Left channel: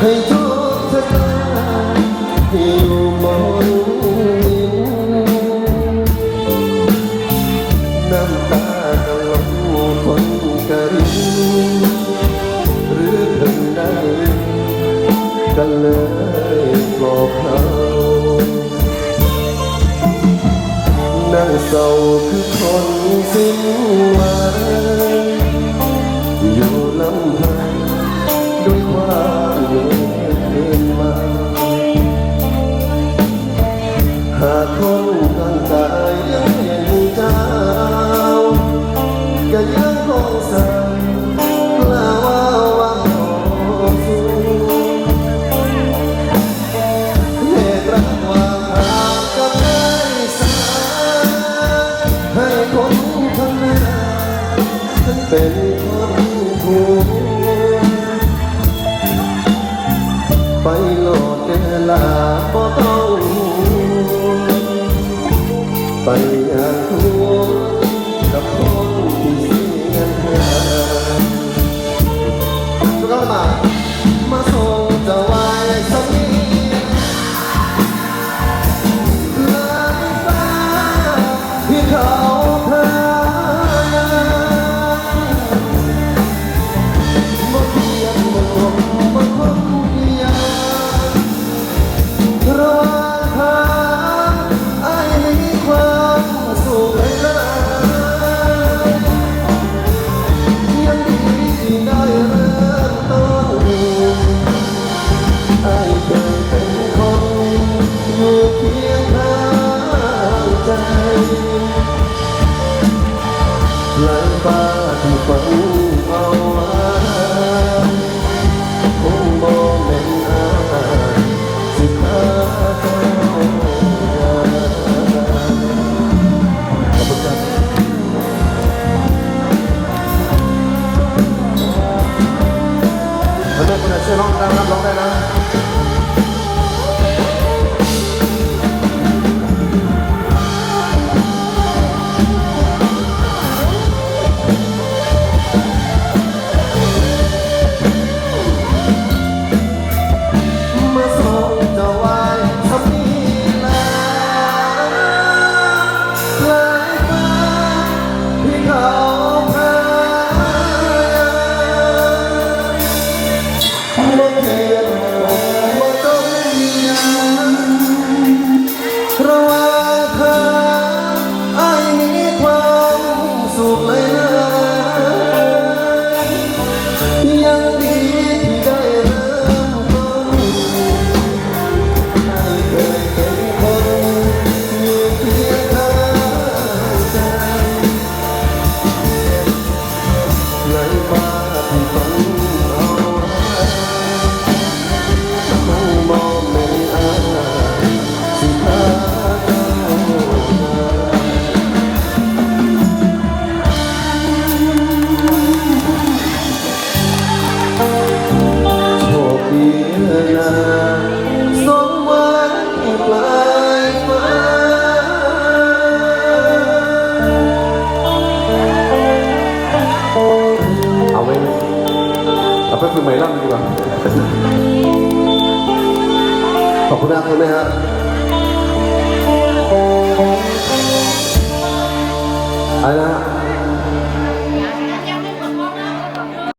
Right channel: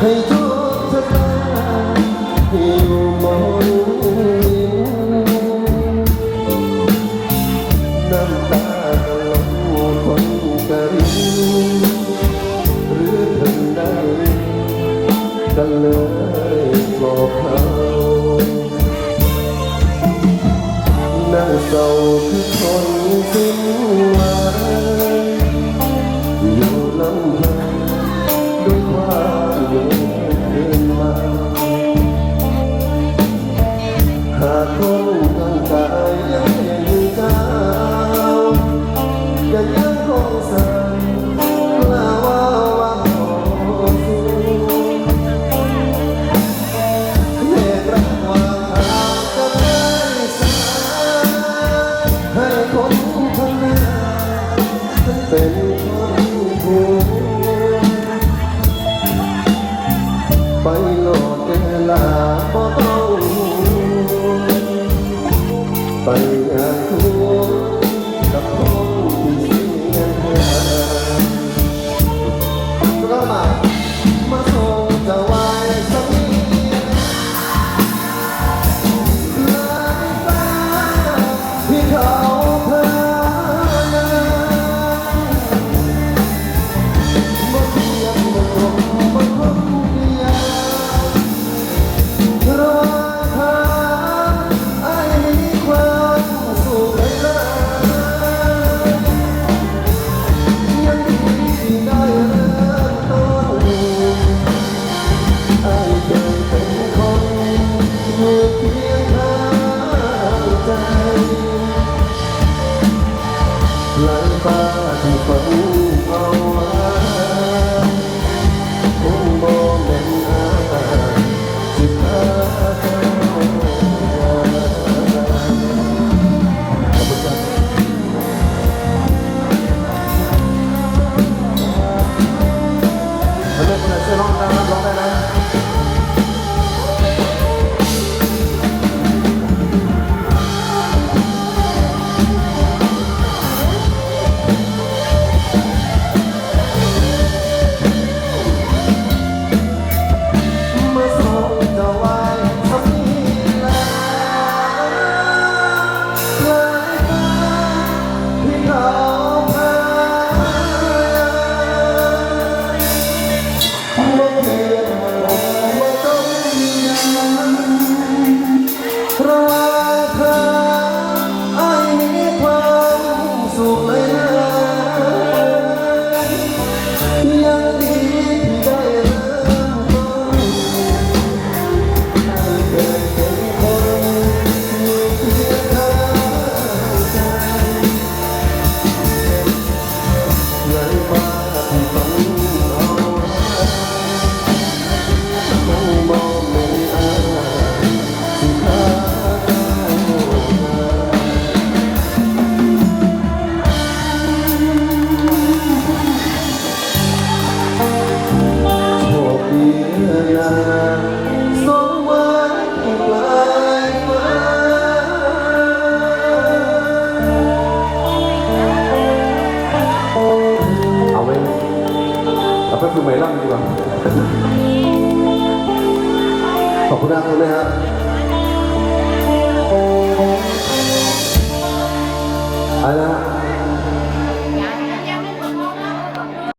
ให้ทุกท่าอยู่มองน้ำตาหลั่งลงคนกระ ฟ้าที่ฝน 好，不客气呀。